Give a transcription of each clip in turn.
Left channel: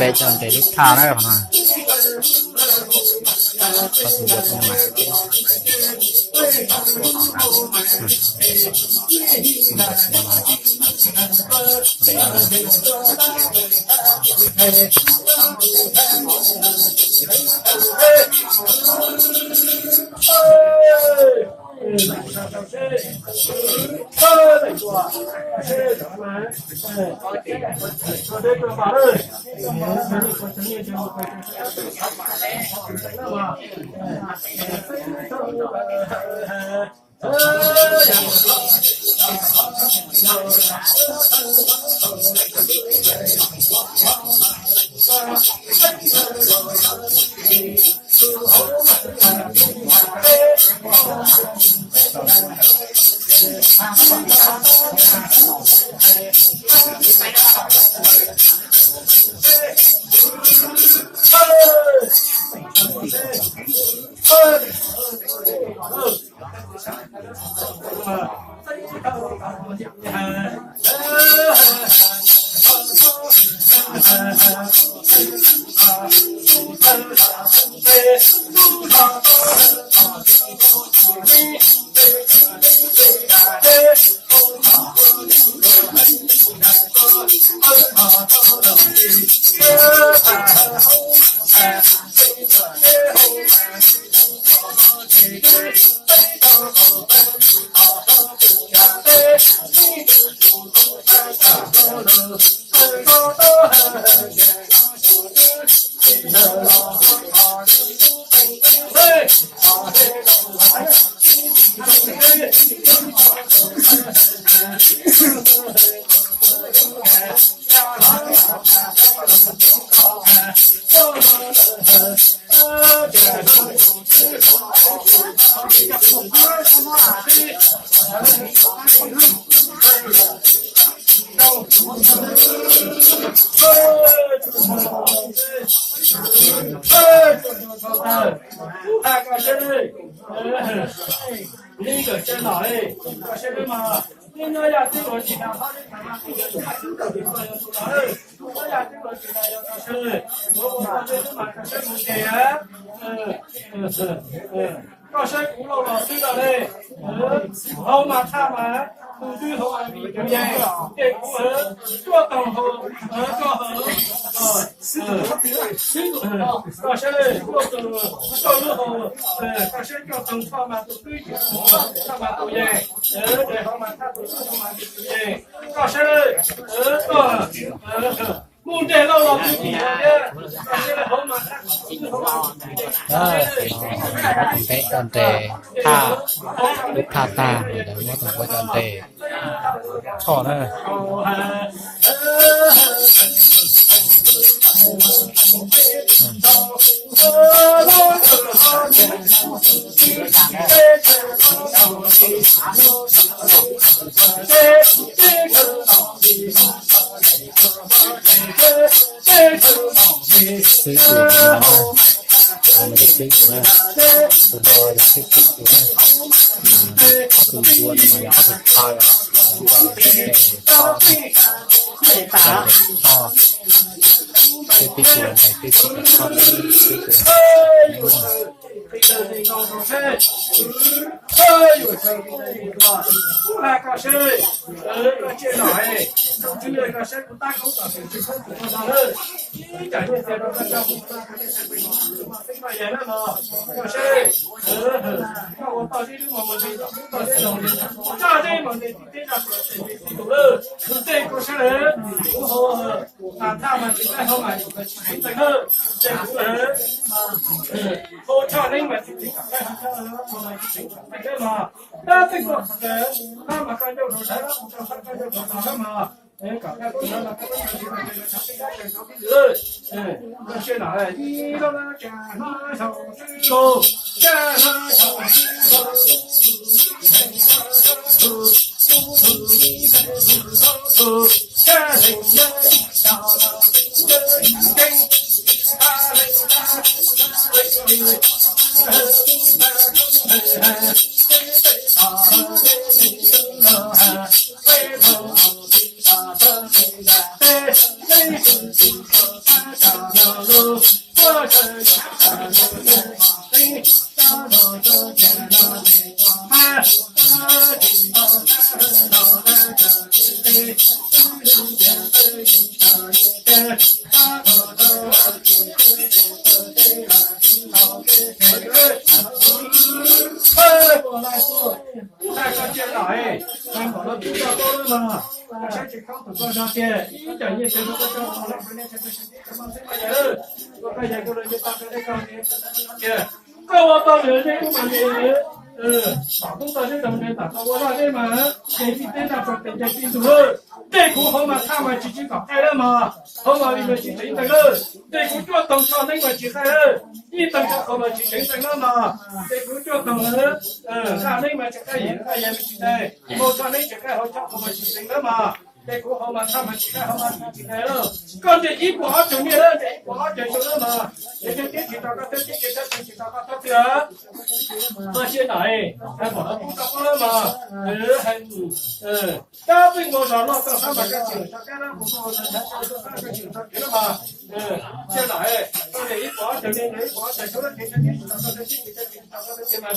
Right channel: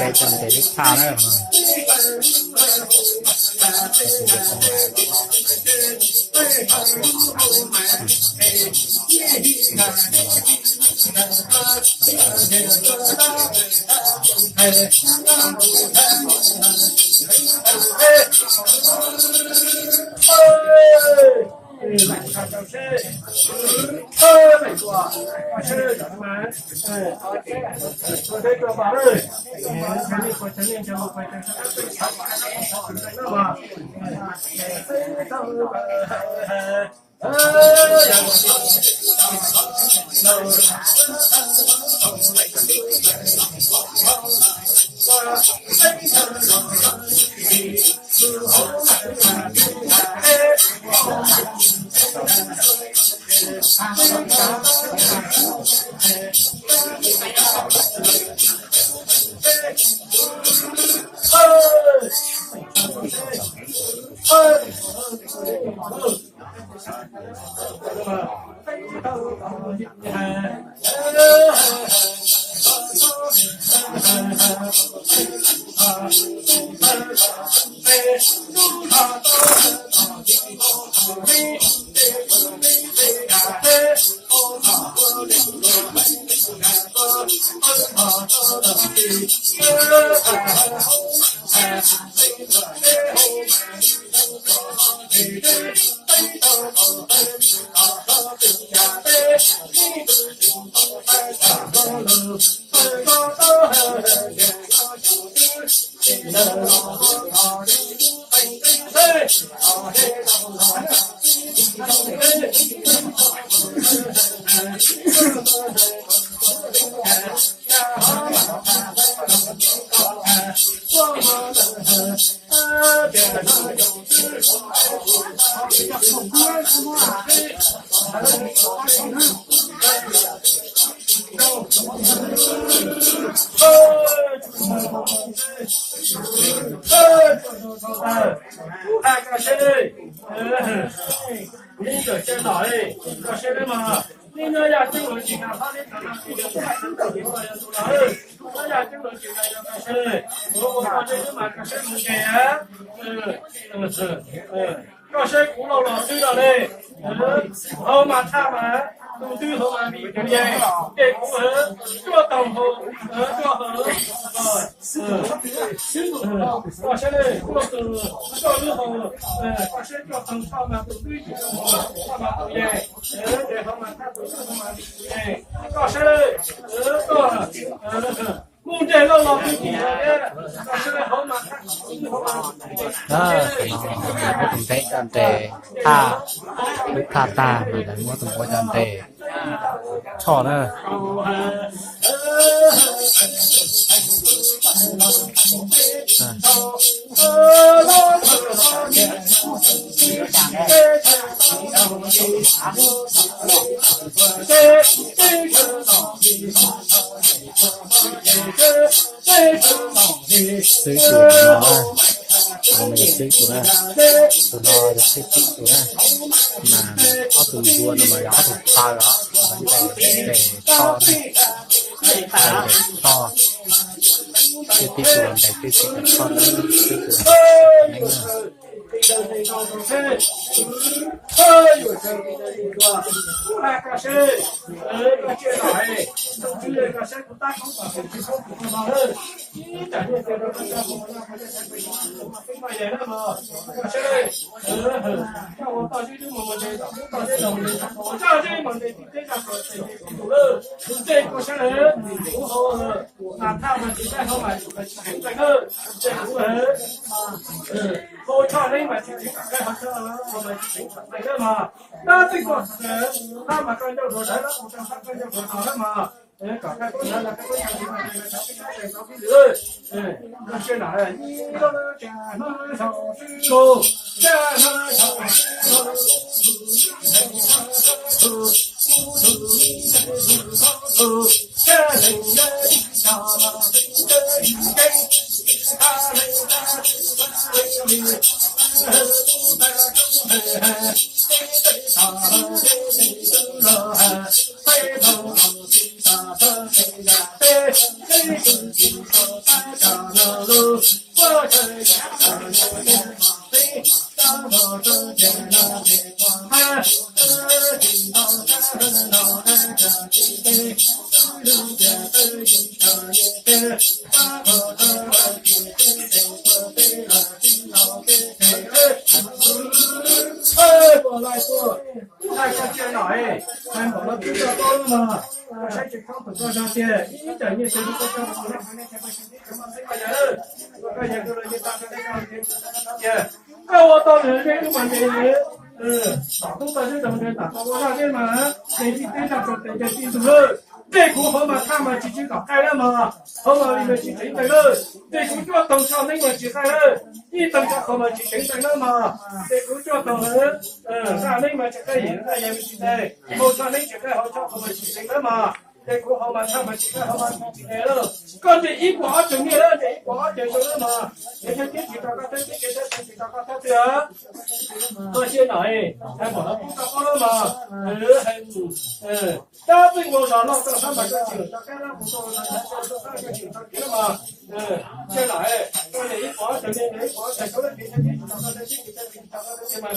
Bây giờ để đích thao đấy mà có sự việc không có sách cũng lâu rồi suy rồi đây hôm mà tham mà tu tư hôm mà bị cái gì để cũng ở cho tổng hồ cho hở rồi có sách đây cho lưu hồ có sách cho tổng tham mà tu tư tham mà tu gì để hôm mà tham tu tư hôm mà bị cái gì có sách đây có muốn để lâu rồi thì nhé có sách đây hôm mà tham tu hôm mà có tổng thể tròn trề tha đức tha ta rồi đấy có tổng có tròn trề chọn nữa sư tử nó mình được sư tử này tụi nó được sư tử này mà họ từ đua mà họ từ to đó để to này để to cái tí tuần để cái tí con sư tử cô cho nên mà chính cả cái học sinh mà chính cả cái mà ta tính có ta mà cái đâu rồi đấy đó một trong cái đâu rồi đó mà cả cái đó là cái gì mà cái nó cái nữa nó sẽ nói là đi đâu cha nó sao cô cha nó sao cha hình nhân 我来说，大家见了哎，看到了比较高了嘛，我先去看很多照片，一点也觉得这个好了，反正这个兄弟什么这个人，我看见个人就打开那个照片，那我到人那个嘛的。打工的就怎么的，打工我那个嘛，年纪最大说等着进度了，这股好嘛，他们自己搞开了嘛，好嘛，你们去整整了，这股叫等超那个去开了，一等就好嘛去整整了嘛，这股叫等了，那那嘛就开赢了，也没去开，我超那就开好超好嘛去整了嘛。这股好嘛，他们去开好嘛去开了，刚这一股2.9年了，这一股2.9了嘛，也就电梯大概电梯大概到这。那些来，还把它不搞了嘛？大对我上了到300个警察，干了不多，才2个警察去了嘛？现在到这一把整天这一把才收了天天找到这几个这嘛，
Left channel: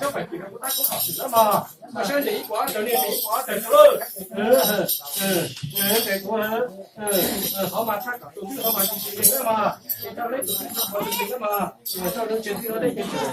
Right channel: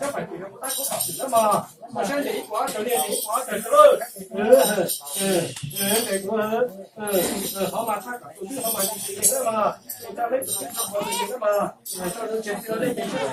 小白几个不大够考试了嘛？那现在这一把整天这一把整收了，这个好嘛，他搞出去好嘛，就是这个嘛，你到那个地方好这个嘛，到人家去了那边去了。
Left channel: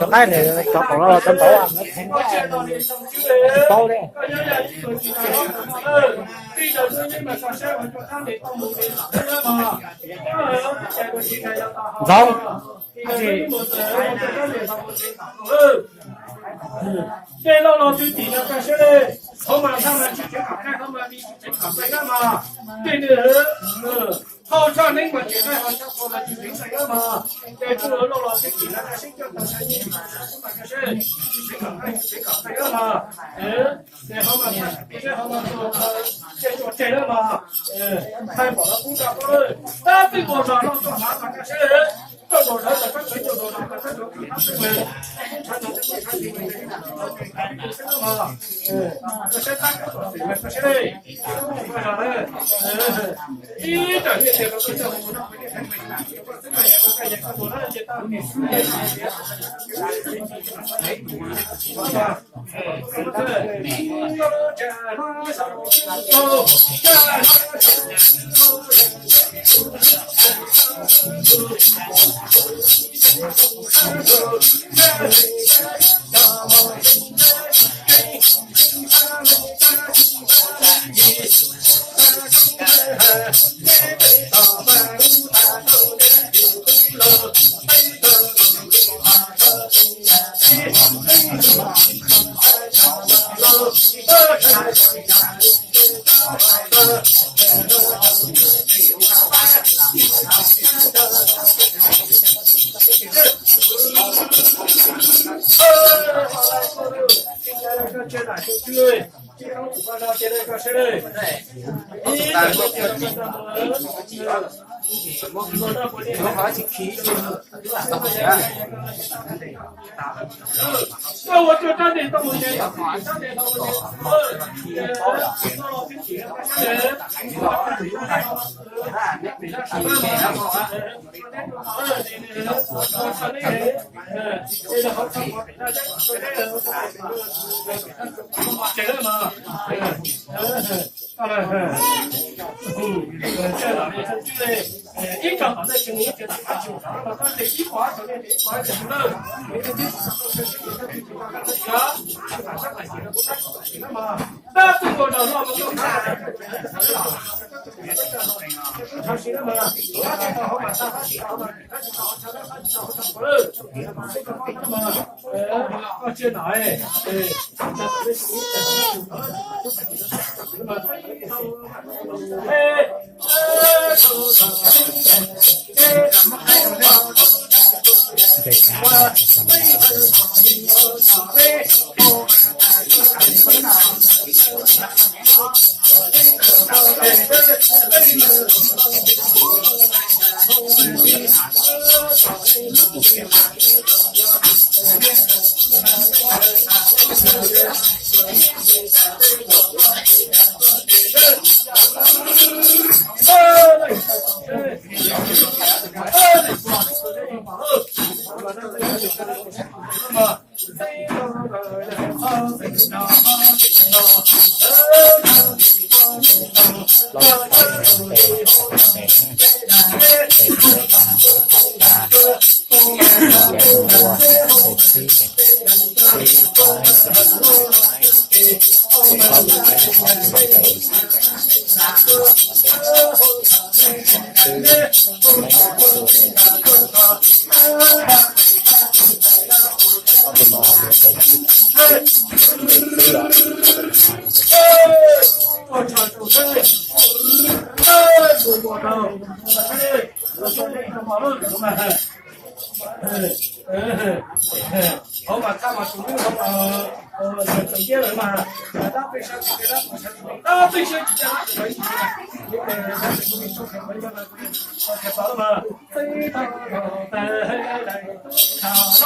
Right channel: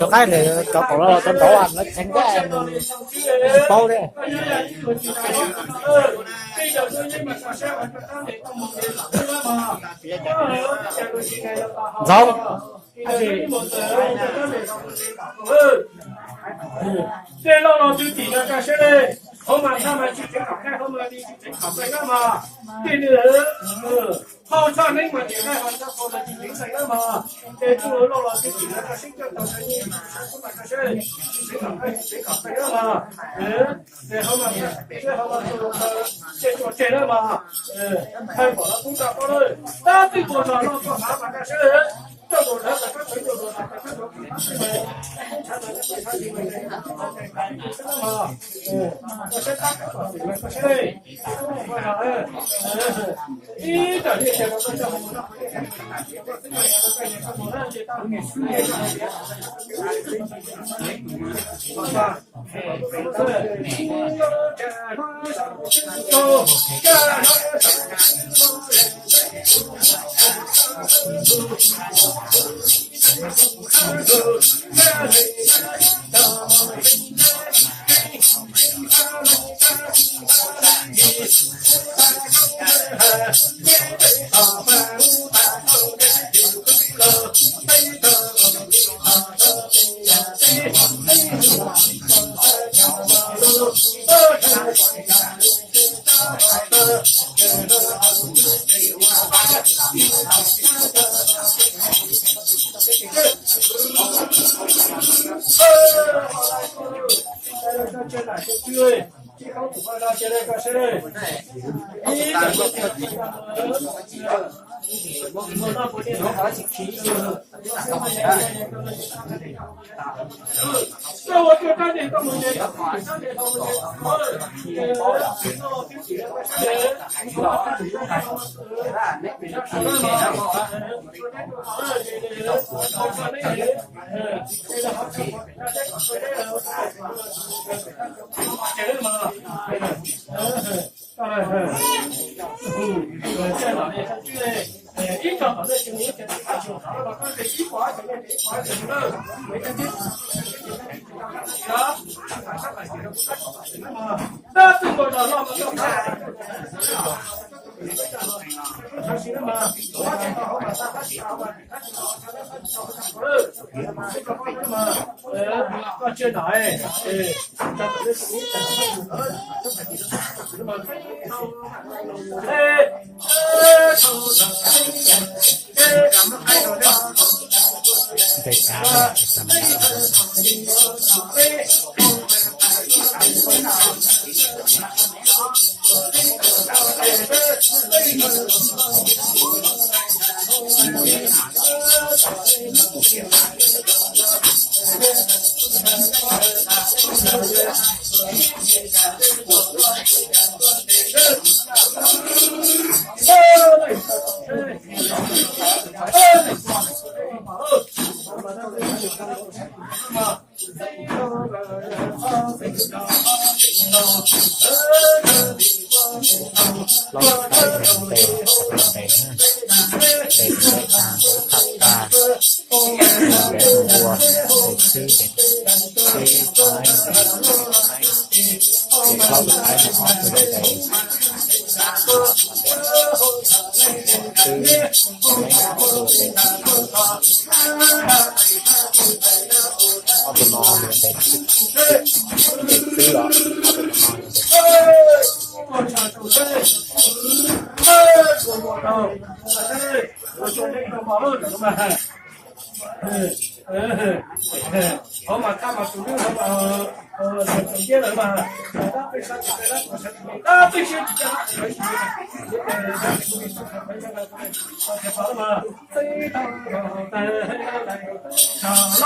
cho cái này cho cậu nó tranh thủ anh nó thành cái bao đấy không这老老就底了干些嘞，后面他们去全搞开，后面你去全搞这个嘛，对的，好像那个现在好像说的就全这个嘛，这个老老就底了，这新疆搞生意，后面这些全搞开，全搞这个嘛，这后面这后面说这做这个嘛，开跑了不搞过了，那对我说老说啥嘛这些。这种人的他很有多少，他都比他认为，传统的对他认为的，这个嘛，这些大概说是这些嘞，我啥嘞，一整天这个跟着我们回去才回来，我这个也我这也跟我那些当年是吧？是不是？你要这路上走，这路上。如何去提升怎么样？那我就站点到我这，站点到我这嘛，在哪里？这个一场好的生意，就是他就他把他的一块就那一块就是了，每天就啊，上海写的不太行了嘛。那中国的那么多他行了嘛？他这个好嘛，他写好嘛，他这个好，他这个放了嘛，我接拿哎，他这个生意那么Về cá này lót tay mình về để càng với thật ta để mua để sư để quy thái để lót tay nó hót về để sư lấy đồ để auto nó về để sư đó我唱出声，我唱，我说那个马路怎么办？好嘛，看嘛，主流好嘛，整件人嘛，大背上就给他，大背先就叫他可以，你给他这个说可以了，我好了嘛，飞到带来唱啦，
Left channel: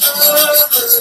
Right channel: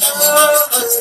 啦啦东西。